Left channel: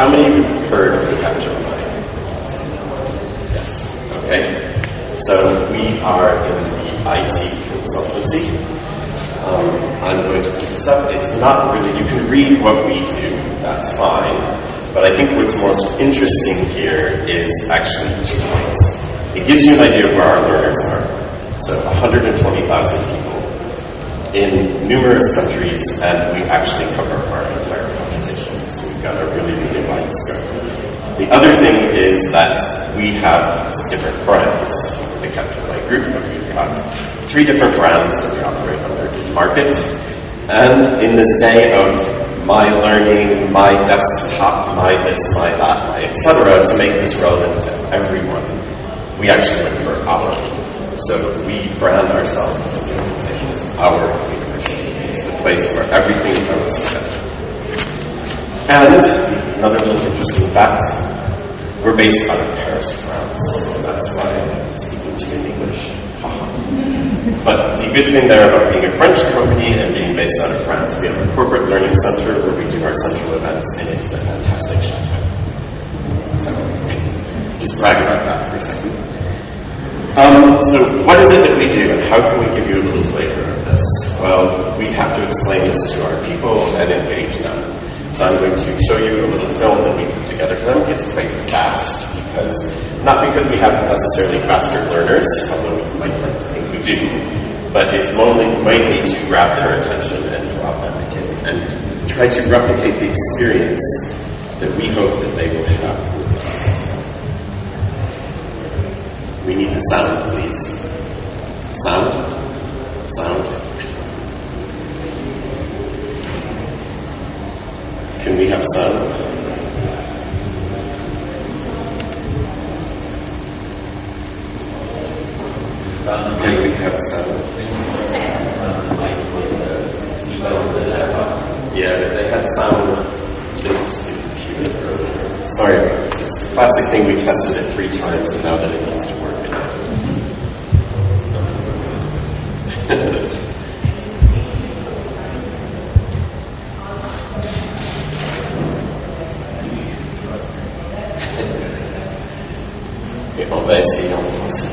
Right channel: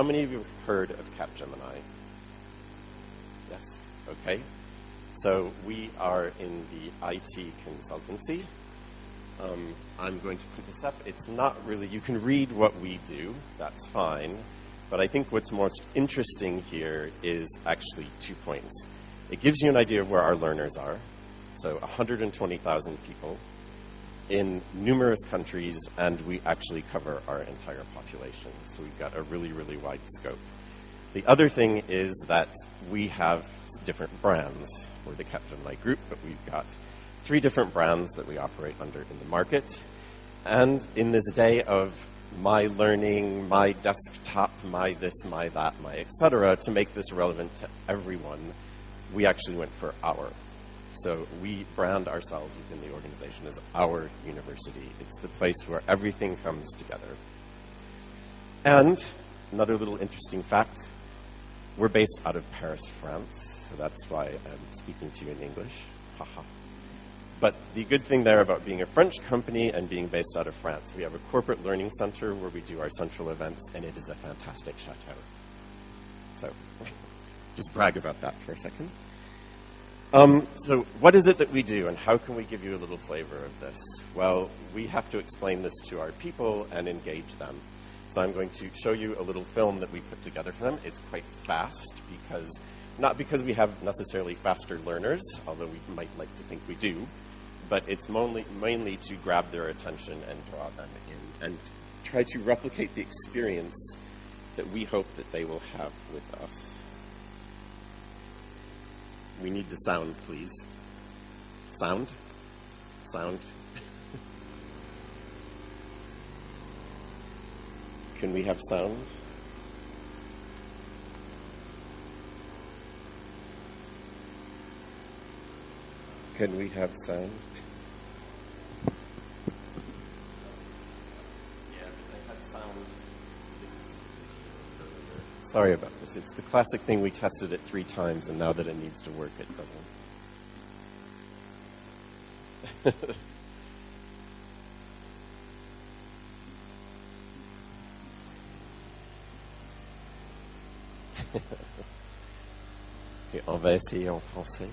how many of you have heard of Capgemini? Yes. Okay. So we are in the IT consultancy. I'm going to pick this up. It's not really, you can read what we do, that's fine. But I think what's most interesting here is actually 2 points. It gives you an idea of where our learners are. So 120,000 people in numerous countries, and we actually cover our entire population. So we've got a really, really wide scope. The other thing is that we have different brands. The Capgemini Group, but we've got 3 different brands that we operate under in market. And in this day of my learning, my desktop, my this, my that, my etc., to make this relevant to everyone, we actually look for our. So we brand ourselves within the organization as our university. It's the place where everything comes together. And another little interesting fact, we're based out of Paris, France. So that's why I'm speaking to you in English. But the good thing there about being a French company and being based out of France, we have a corporate learning center where we do our central events, and it is a fantastic chateau. So, just brag about that for a second. So what is it that we do, and how can we give you a little flavor of this? Well, we have to explain this to our people and engage them. So I'm going to show you a little film that we put together for them. It's quite fast, not because we have necessarily faster learners, although we might like to think we do, but it's mainly to grab their attention and draw them in and try to replicate the experience that we hope that they will have with us. We need the sound, please. Sound? Sound. Can we have sound? Can we have sound? Yeah, they had sound. Sorry about this. It's the classic thing. We tested it 3 times, and now that it needs to work, it doesn't. Et on va essayer en français.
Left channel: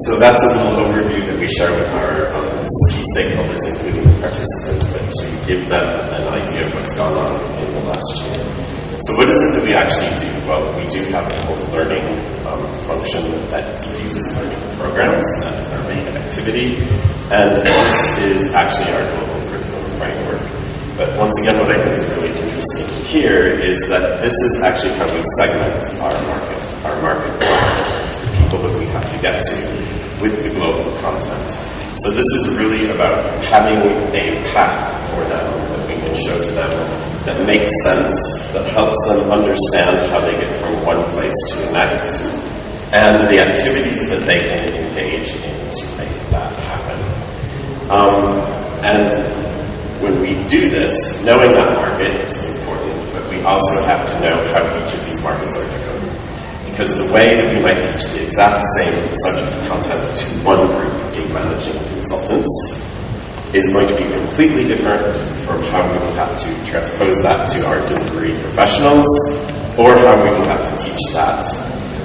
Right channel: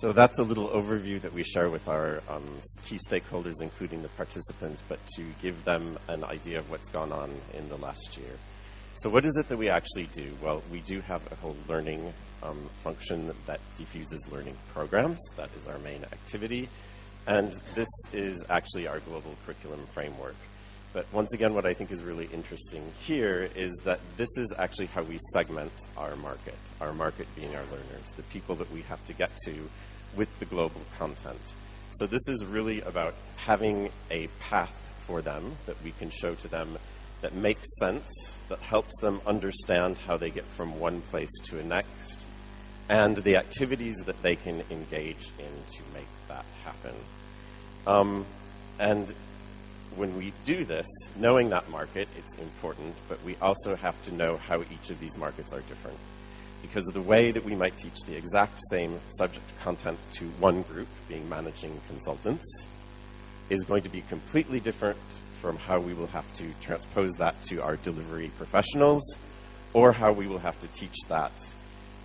So that's a little overview that we share with our key stakeholders, including the participants, but to give them an idea of what's gone on in the last year. So what is it that we actually do? Well, we do have a whole learning function that diffuses learning programs. That is our main activity. And this is actually our global curriculum framework. But once again, what I think is really interesting here is that this is actually how we segment our market partners, the people that we have to get to with the global content. So this is really about having a path for them that we can show to them that makes sense, that helps them understand how they get from one place to the next, and the activities that they can engage in to make that happen. And when we do this, knowing that market, it's important, but we we also have to know how each of these markets are different. Because the way that we might teach the exact same subject content to one group of game managing consultants is going to be completely different from how we will have to transpose that to our delivery professionals, or how we will have to teach that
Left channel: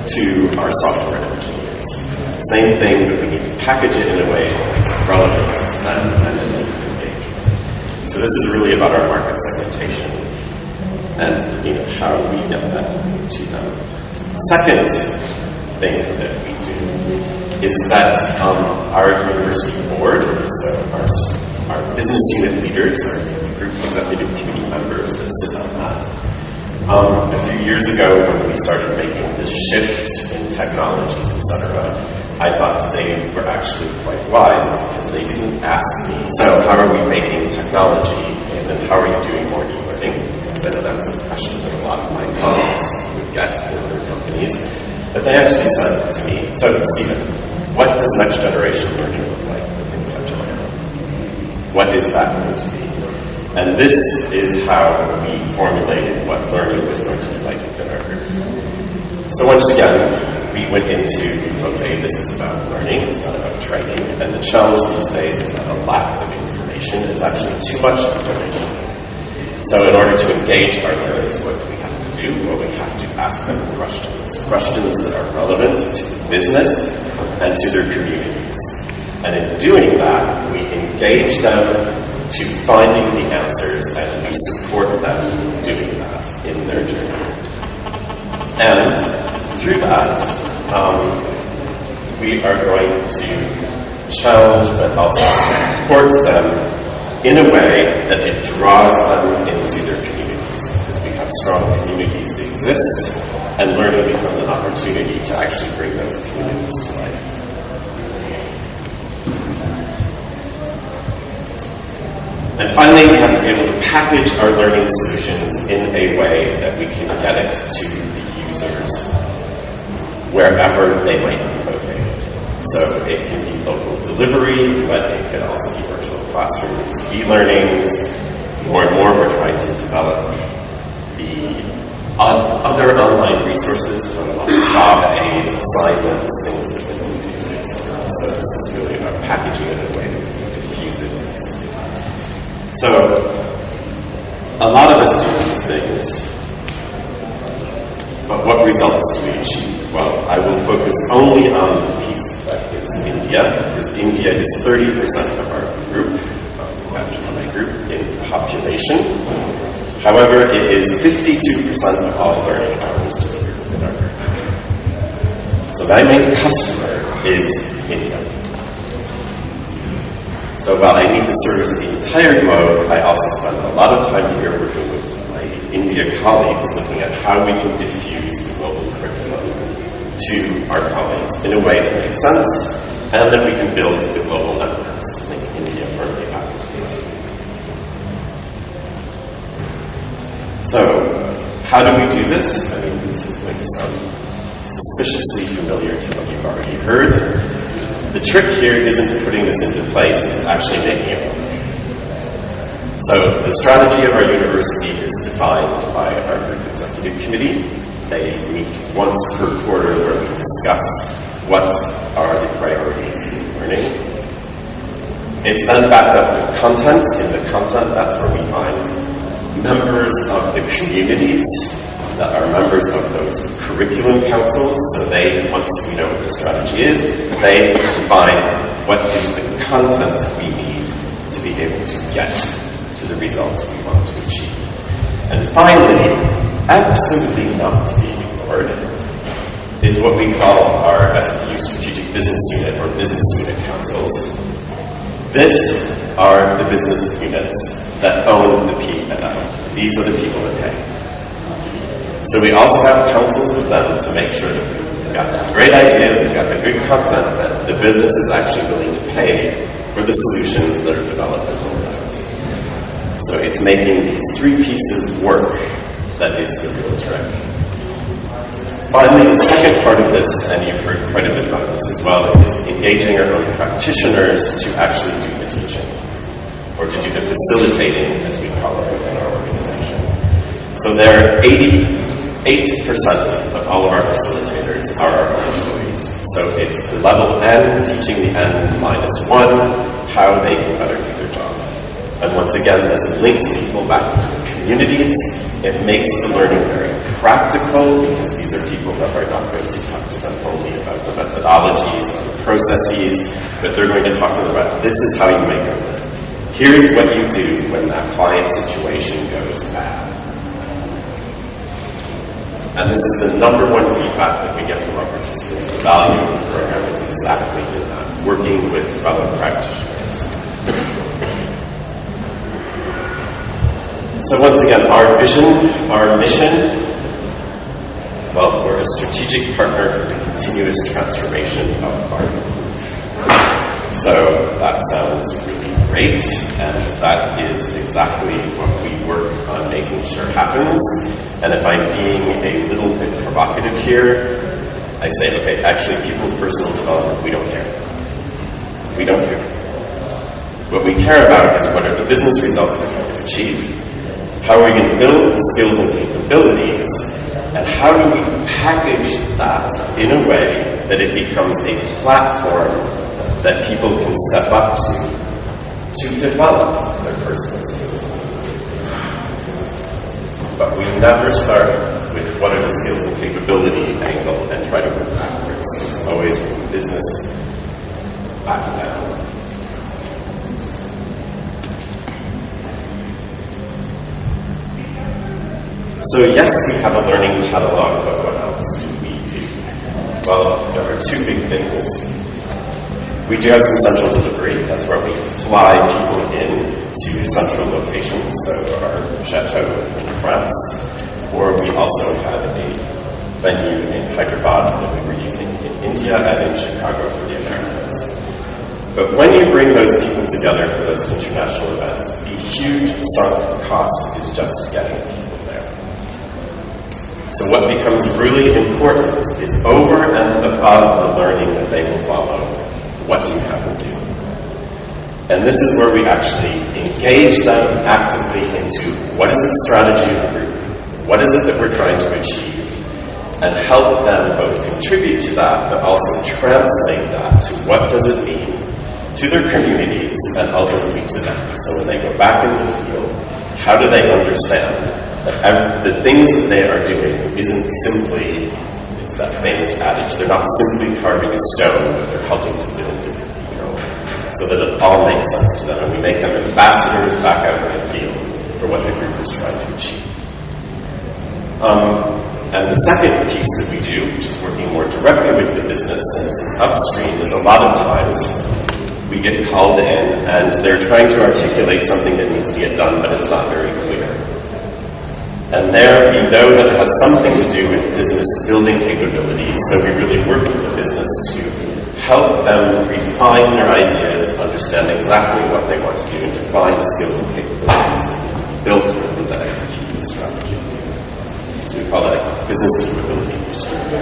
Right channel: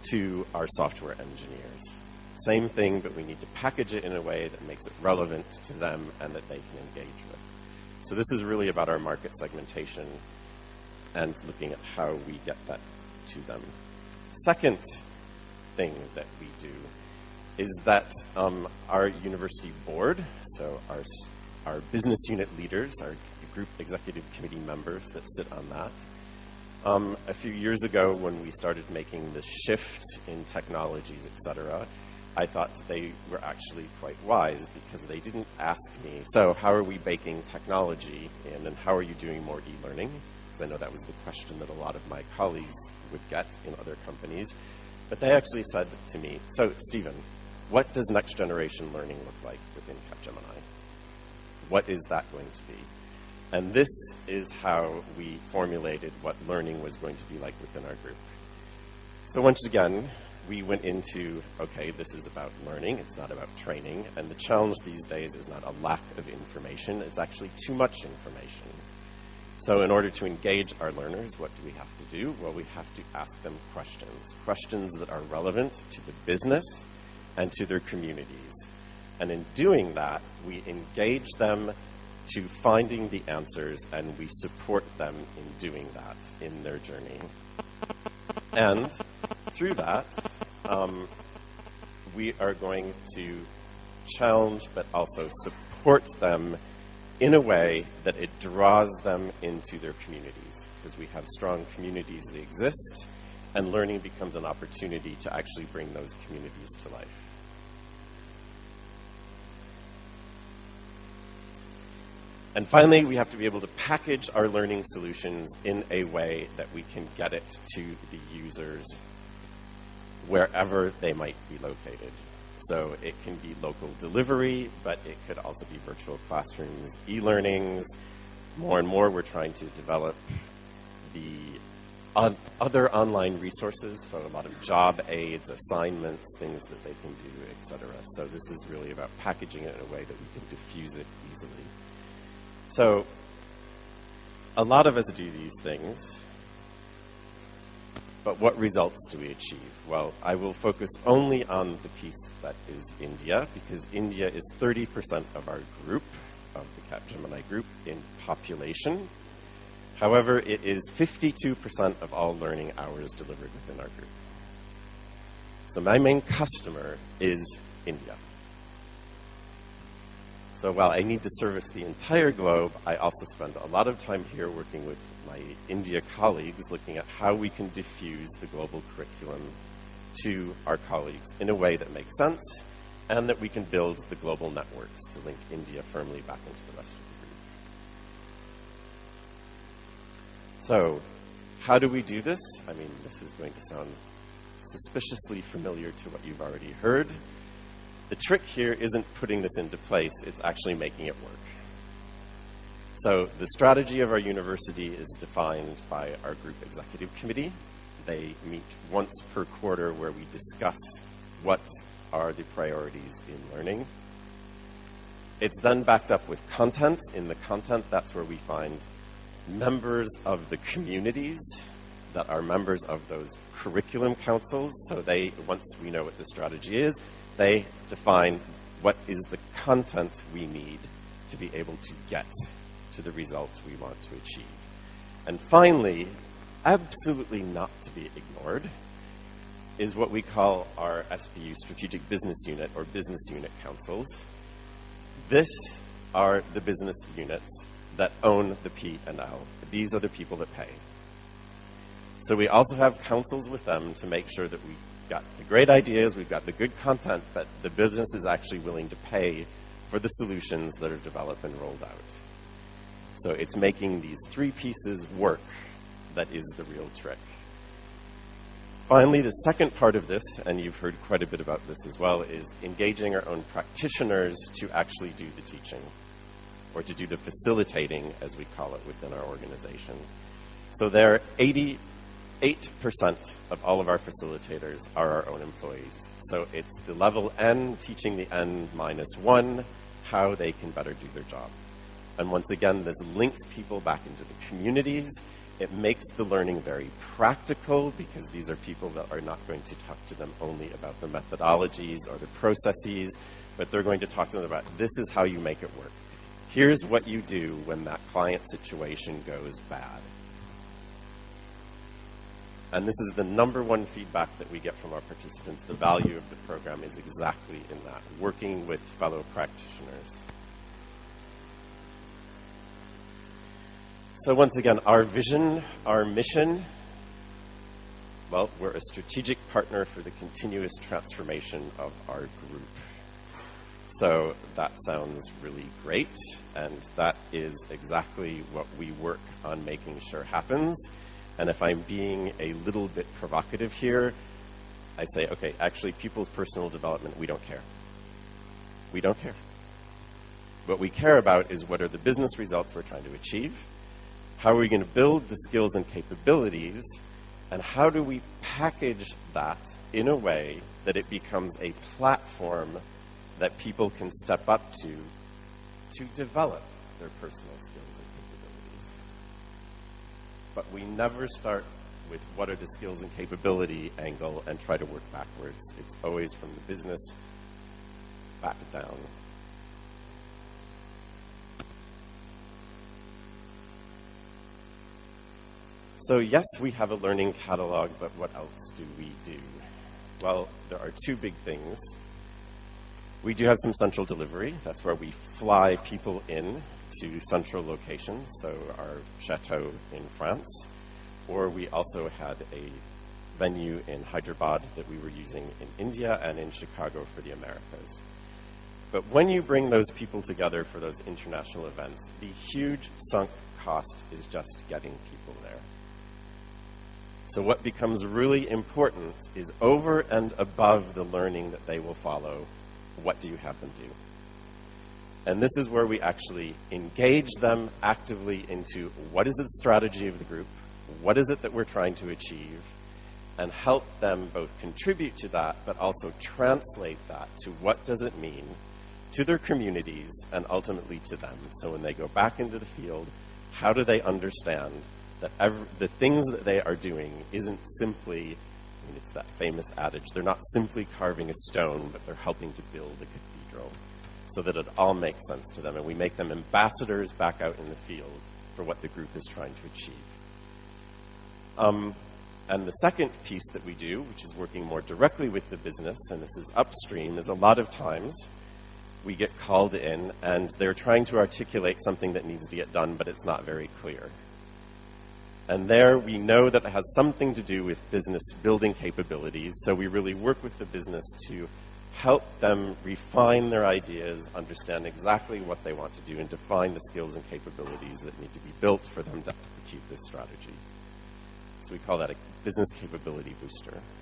to our software engineers. Same thing, but we need to package it in a way that makes it relevant to them and then they can engage. So this is really about our market segmentation and how we get that to them. Second thing that we do is that our university board, so our business unit leaders, our group executive committee members that sit on that. A few years ago, when we started making this shift in technologies, etc., I thought they were actually quite wise because they didn't ask me, so how are we making technology and then how are you doing more e-learning? Because I know that was the question that a lot of my colleagues would get in their companies. But they actually said to me, so Stephen, what does next generation learning look like within Capgemini? What is that going to be? And this is how we formulated what learning was going to be like within our group. So once again, we went into, okay, this is about learning, it's not about training, and the challenge these days is not a lack of information, it's actually too much information. So in order to engage our learners, what do we have to do? Well, we have to ask them questions that are relevant to the business and to their communities. And in doing that, we engage them to finding the answers, and we support them doing that in their journey. And through that, we are going to challenge but also support them in a way that it draws them into their communities. Because we have strong communities that exist, and learning becomes an opportunity to actually bring those communities to life. And finally, we have to be able to package our learning solutions in a way that we can get it to the users wherever they might be located. So it can be local delivery, but it can also be virtual classrooms, e-learnings. More and more, we're trying to develop the other online resources, from job aids, assignments, things that they can do, etc. So this is really about packaging it in a way that we can diffuse it easily. So, a lot of us do these things, but what results do we achieve? Well, I will focus only on the piece that is India, because India is 30% of our group, of the Capgemini group, in population. However, it is 52% of all learning hours delivered within our group. So my main customer is India. So while I need to service the entire globe, I also spend a lot of time here working with my India colleagues, looking at how we can diffuse the global curriculum to our colleagues in a way that makes sense, and that we can build the global networks to make India firmly back into the industry. So, how do we do this? I mean, this is going to sound suspiciously familiar to what you've already heard. The trick here isn't putting this into place, it's actually making it work. So the strategy of our university is defined by our group executive committee. They meet once per quarter where we discuss what are the priorities in learning. It's then backed up with content. In the content, that's where we find members of the communities that are members of those curriculum councils. So they, once we know what the strategy is, they define what is the content we need to be able to get to the results we want to achieve. And finally, absolutely not to be ignored, is what we call our SBU, Strategic Business Unit, or Business Unit Councils. This are the business units that own the P&L. These are the people that pay. So we also have councils with them to make sure that we've got the great ideas, we've got the good content, that the business is actually willing to pay for the solutions that are developed and rolled out. So it's making these three pieces work that is the real trick. Finally, the second part of this, and you've heard quite a bit about this as well, is engaging our own practitioners to actually do the teaching, or to do the facilitating, as we call it within our organization. So there, 88% of all of our facilitators are our own employees. So it's the level N teaching the N minus 1 how they can better do their job. And once again, this links people back to the communities. It makes the learning very practical because these are people that are not going to talk to them only about the methodologies and the processes, but they're going to talk to them about this is how you make it work. Here's what you do when that client situation goes bad. And this is the number one feedback that we get from our participants. The value of the program is exactly in that, working with fellow practitioners. So once again, our vision, our mission, well, we're a strategic partner for the continuous transformation of our group. So that sounds really great, and that is exactly what we work on making sure happens. And if I'm being a little bit provocative here, I say, okay, actually, people's personal development, we don't care. We don't care. What we care about is what are the business results we're trying to achieve, how are we going to build the skills and capabilities, and how do we package that in a way that it becomes a platform that people can step up to develop their personal skills. But we never start with what are the skills and capability angle and try to work backwards. So it's always from business back down. So yes, we have a learning catalog, but what else do we do? Well, there are two big things. We do have some central delivery. That's where we fly people in to central locations, so our chateau in France. Or we also have a venue in Hyderabad that we were using in India and in Chicago for the Americas. But when you bring those people together for those international events, the huge sunk cost is just getting people there. So what becomes really important is over and above the learning that they will follow, what do you have them do? And this is where we actually engage them actively into what is the strategy of the group, what is it that we're trying to achieve, and help them both contribute to that, but also translate that to what does it mean to their communities and ultimately to them. So when they go back into the field, how do they understand that the things that they are doing isn't simply, it's that famous adage, they're not simply carving a stone, but they're helping to build a cathedral, so that it all makes sense to them, and we make them ambassadors back out in the field for what the group is trying to achieve. And the second piece that we do, which is working more directly with the business, and this is upstream, is a lot of times we get called in and they're trying to articulate something that needs to get done, but it's not very clear. And there we know that it has something to do with business building capabilities, so we really work with the business to help them refine their ideas, understand exactly what they want to do, and define the skills and capabilities that need to be built for them to execute the strategy. So we call it a business capability strategy.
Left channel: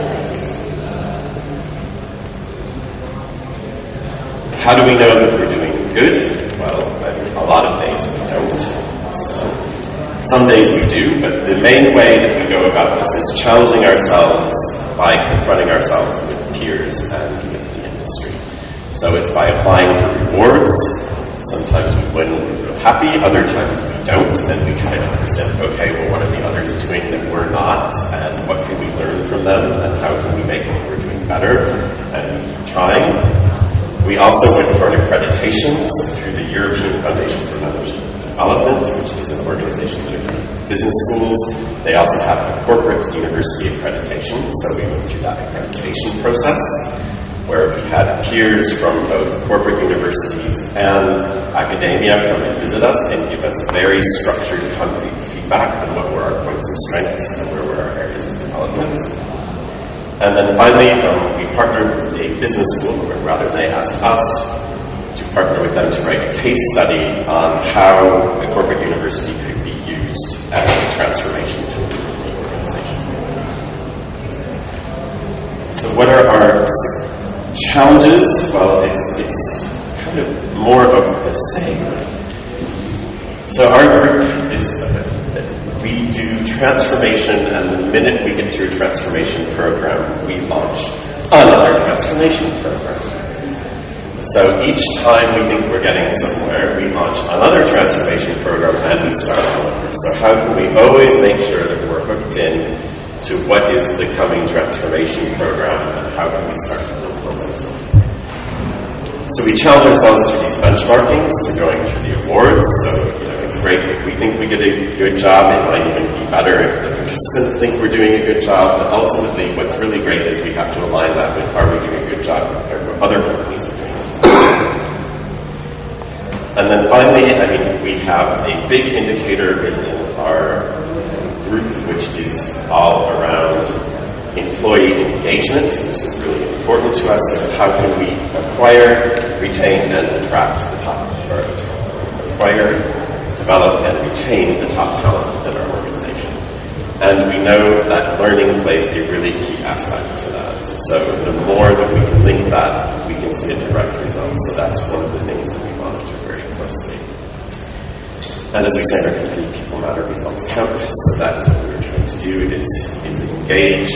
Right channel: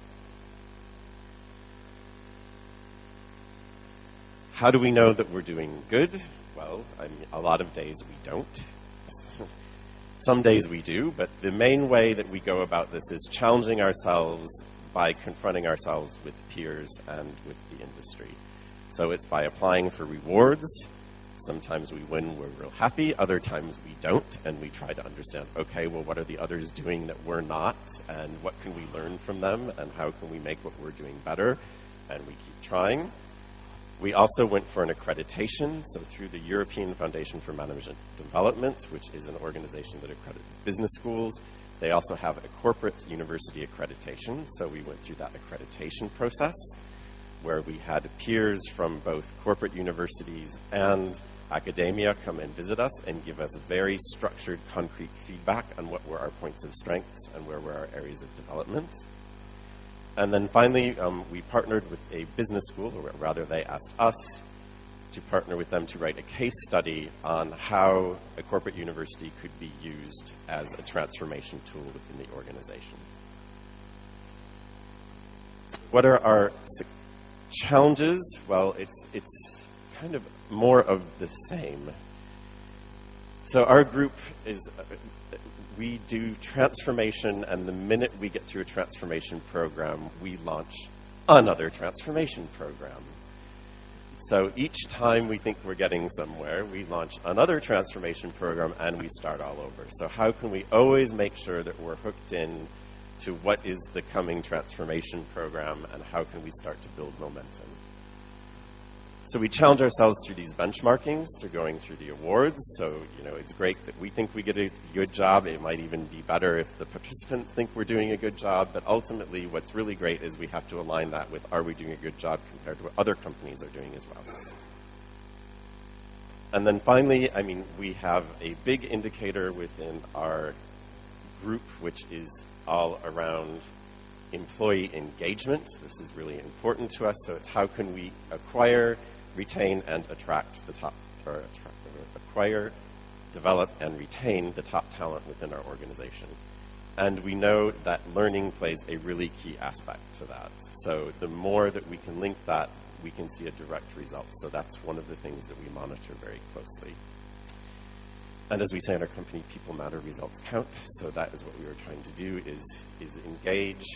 How do we know that we're doing good? Well, a lot of days we don't. Some days we do, but the main way that we go about this is challenging ourselves by confronting ourselves with peers and with the industry. So it's by applying for rewards. Sometimes we win when we're happy, other times we don't, and we try to understand, okay, well, what are the others doing that we're not, and what can we learn from them, and how can we make what we're doing better, and keep trying. We also went for an accreditation, so through the European Foundation for Management Development, which is an organization that accredits business schools. They also have a corporate university accreditation, so we went through that accreditation process, where we had peers from both corporate universities and academia come and visit us and give us very structured, concrete feedback on what were our points of strengths and where were our areas of development. And then finally, we partnered with a business school, or rather they asked us to partner with them to write a case study on how a corporate university could be used as a transformation tool in the organization. So what are our challenges? Well, it's kind of more of the same. So our group is we do transformation, and the minute we get through a transformation program, we launch another transformation program. So each time we think we're getting somewhere, we launch another transformation program and we start all over. So how can we always make sure that we're hooked in to what is the coming transformation program and how can we start to build momentum? So we challenge ourselves through these benchmarkings, to going through the awards. So it's great if we think we did a good job. It might even be better if the participants think we're doing a good job. But ultimately, what's really great is we have to align that with, are we doing a good job compared to what other companies are doing as well. And then finally, we have a big indicator within our group, which is all around employee engagement. This is really important to us. So it's how can we acquire, retain, and attract the top, or acquire, develop, and retain the top talent within our organization. And we know that learning plays a really key aspect to that. So the more that we can link that, we can see a direct result. So that's one of the things that we monitor very closely. And as we say in our company, people matter, results count. So that's what we're trying to do, is engage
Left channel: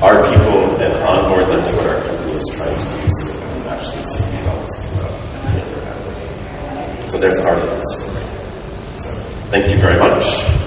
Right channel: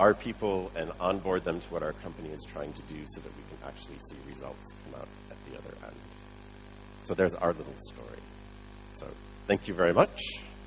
our people and onboard them to what our company is trying to do so that we can actually see results come out at the end of that. So there's our little story. So thank you very much.